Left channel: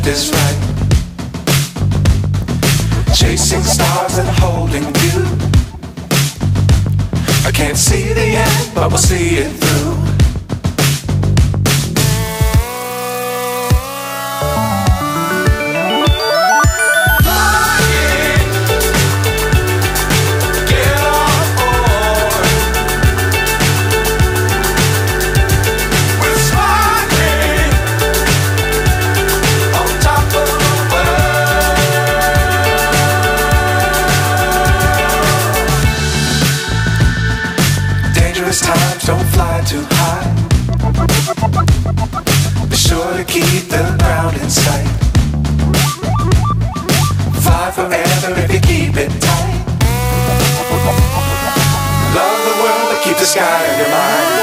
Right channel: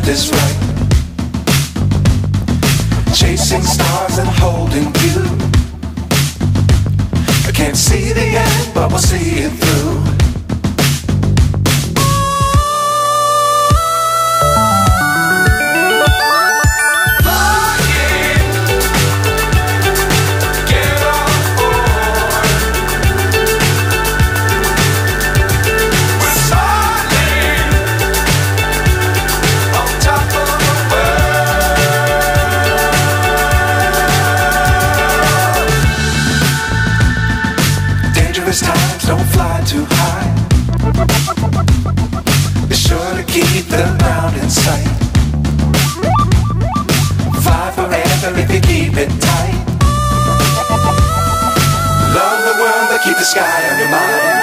left is right. Chasing stars and holding you. I can't see the end, but we'll see it through. Times don't fly too high. Be sure to keep the ground in sight. Fly forever if you keep it tight. Love the world but keep the sky on your mind.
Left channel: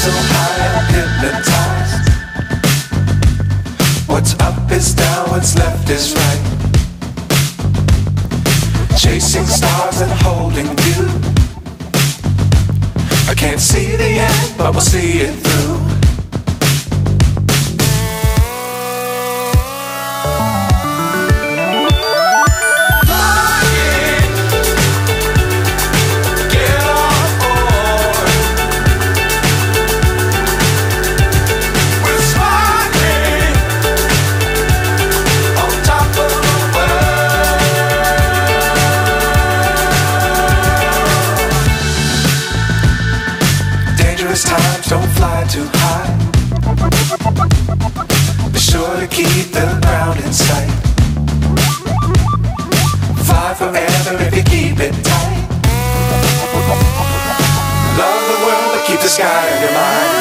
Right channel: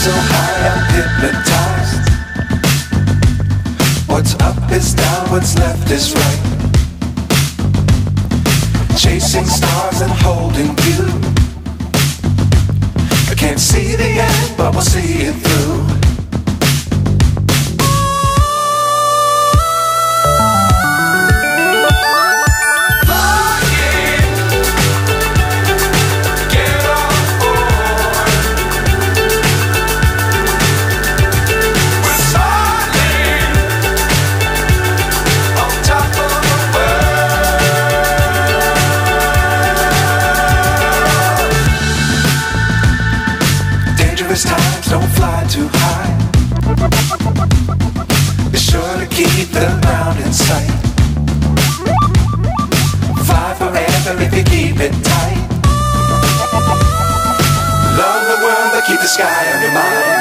So high I'm hypnotized. What's up is down, what's left is right. Chasing stars and holding you. I can't see the end, but we'll see it through. Times don't fly too high. Be sure to keep the ground in sight. Fly forever if you keep it tight. Love the world but keep the sky on your mind.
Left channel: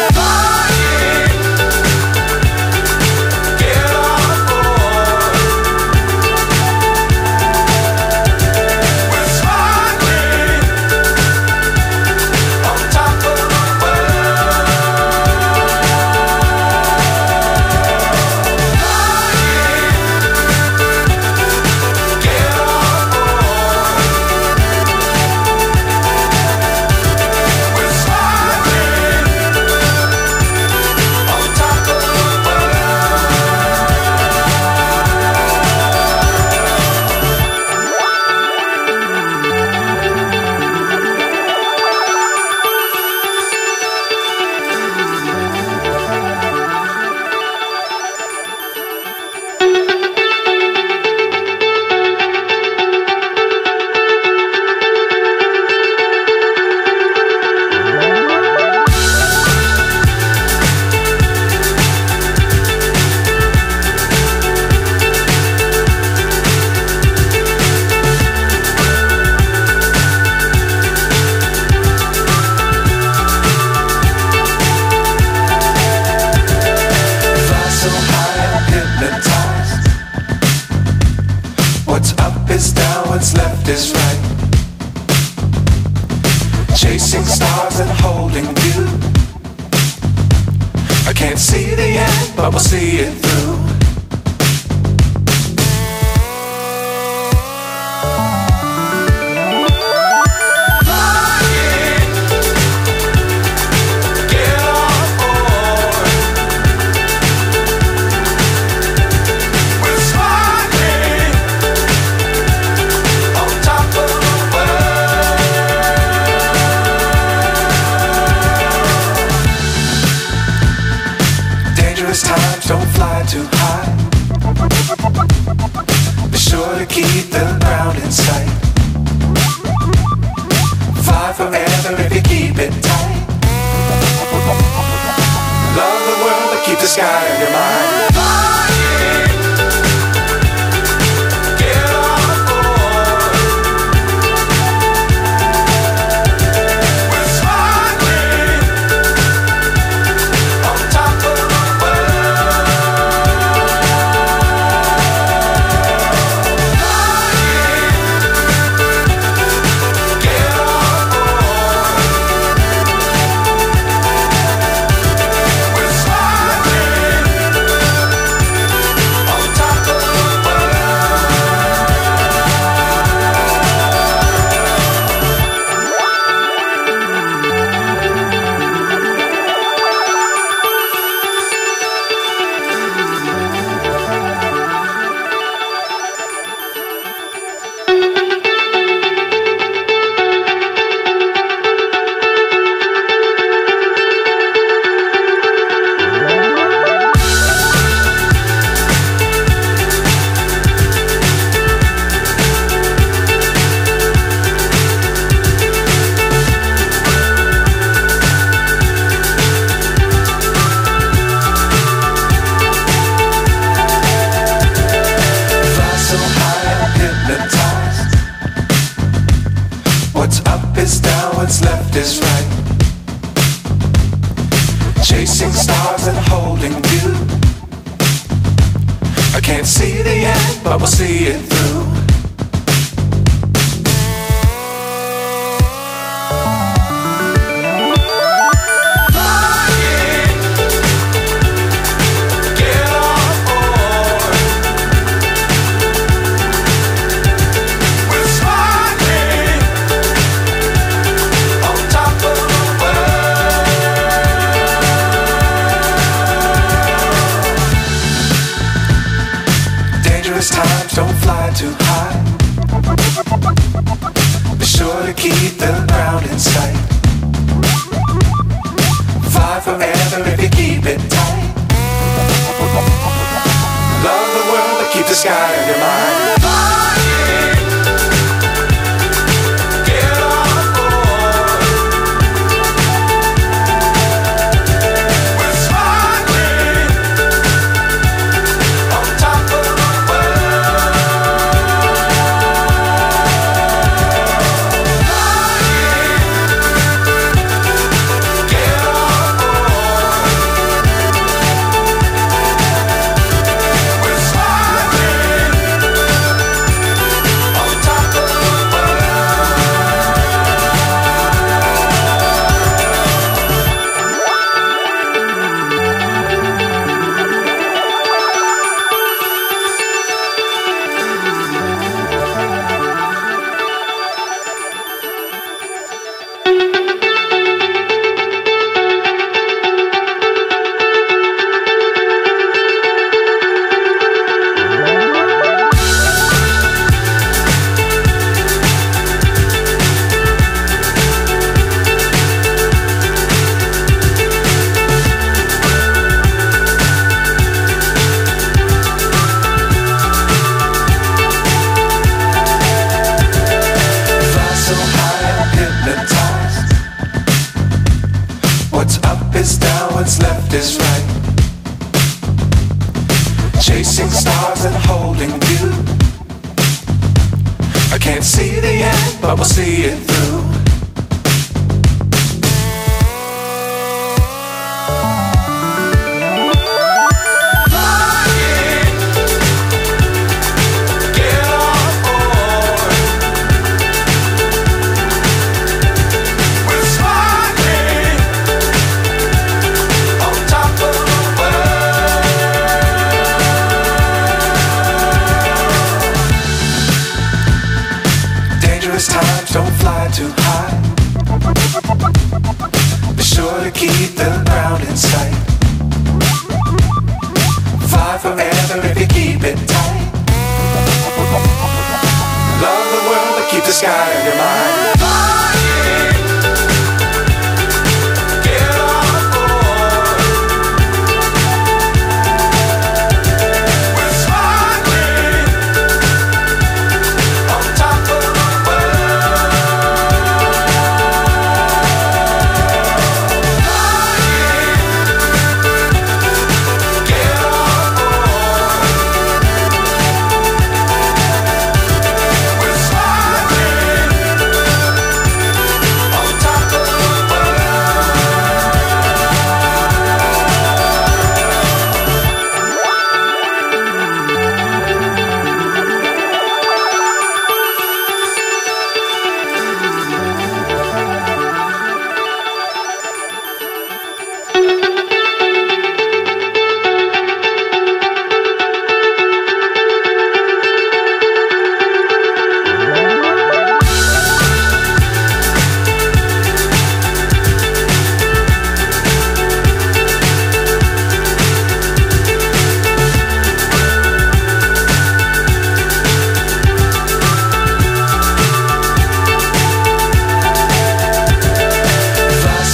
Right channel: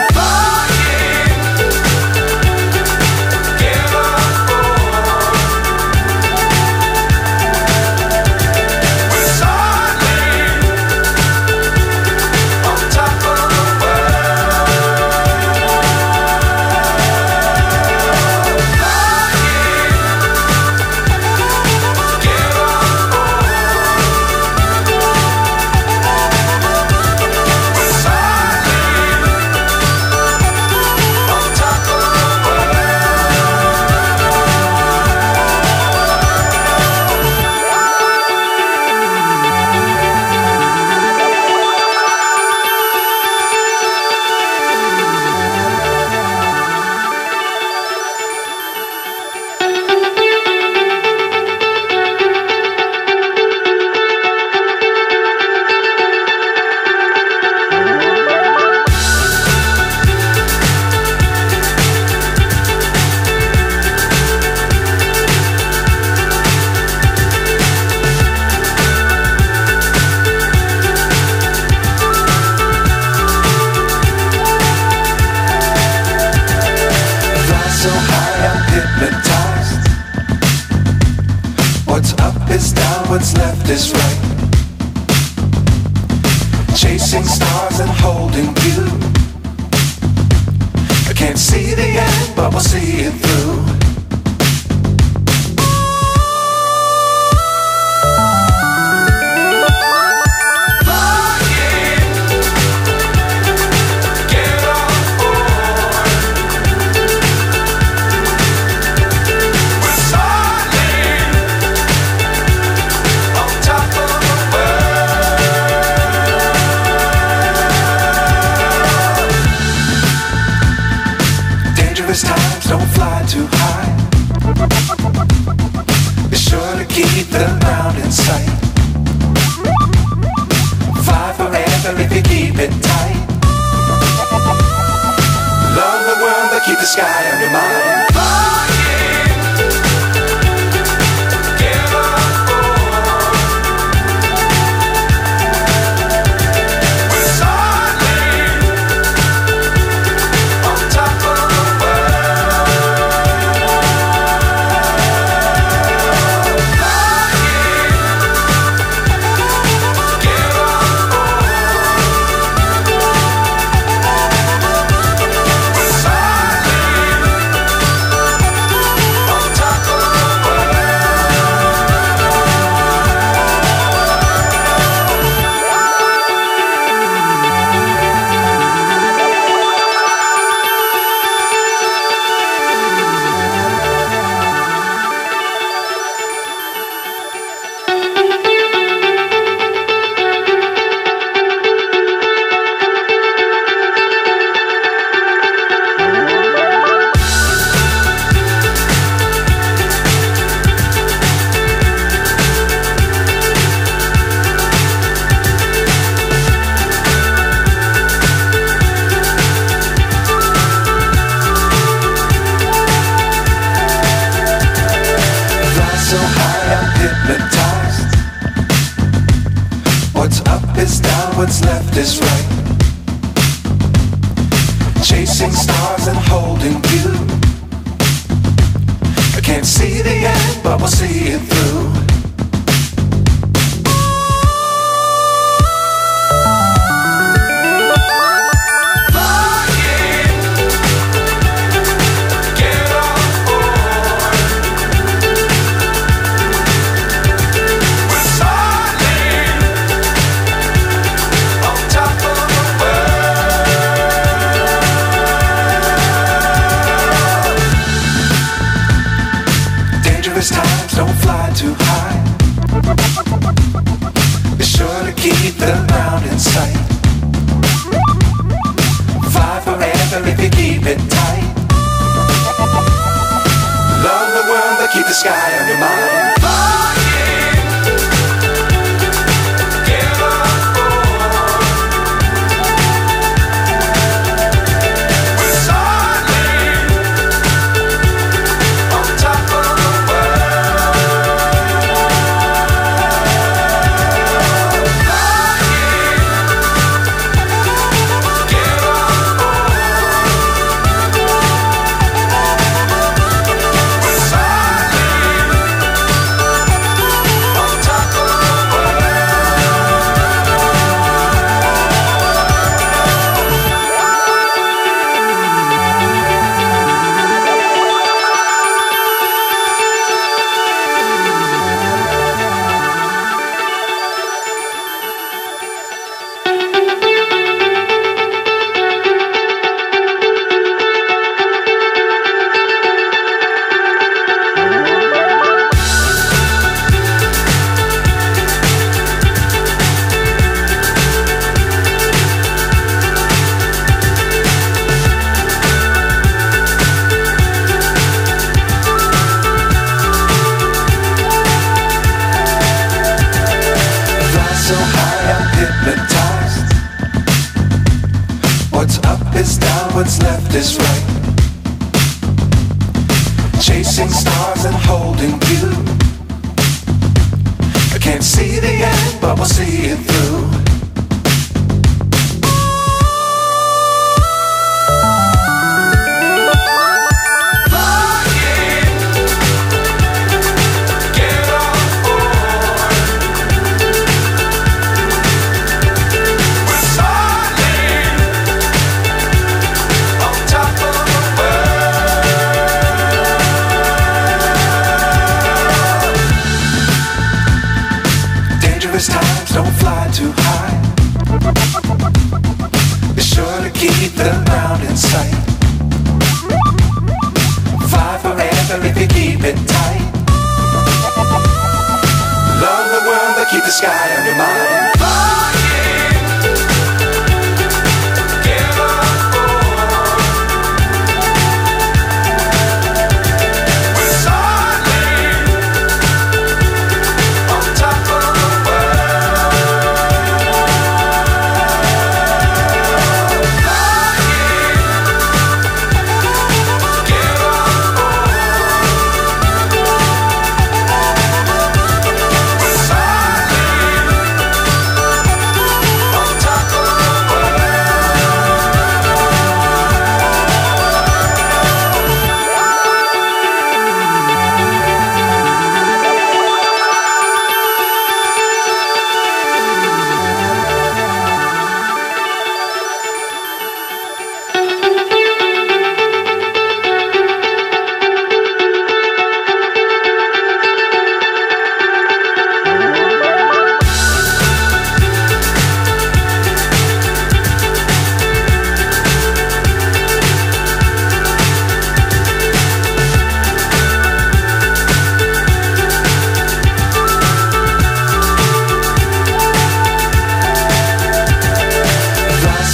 So high I'm hypnotized. What's up is down, what's left is right. Chasing stars and holding you. I can't see the end, but we'll see it through. Flying, get on board. Dangerous times, don't fly too high. Be sure to keep the ground in sight. Fly forever if you keep it tight. Love the world, but keep the sky on your mind. Flying, get on board. We're soaring on top of the world. Flying, get on board. We're soaring on top of the world. Fly so high, I'm hypnotized. What's up is down, what's left is right. Chasing stars and holding you. I can't see the end, but we'll see it through. Flying, get on board. We're soaring on top of the world. Dangerous times, don't fly too high. Be sure to keep the ground in sight. Fly forever if you keep it tight. Love the world, but keep the sky on your mind. Flying, get on board. We're soaring on top of the world. Flying, get on board. We're soaring on top of the Fly so high, I'm hypnotized. What's up is down, what's left is right. Chasing stars and holding you. I can't see the end, but we'll see it through. Flying, get on board. We're soaring on top of the world. Dangerous times, don't fly too high. Be sure to keep the ground in sight. Fly forever if you keep it tight. Love the world, but keep the sky on your mind. Flying, get on board.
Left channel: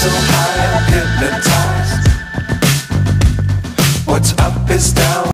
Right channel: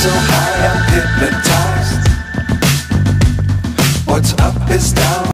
so high I'm hypnotized. What's up is down.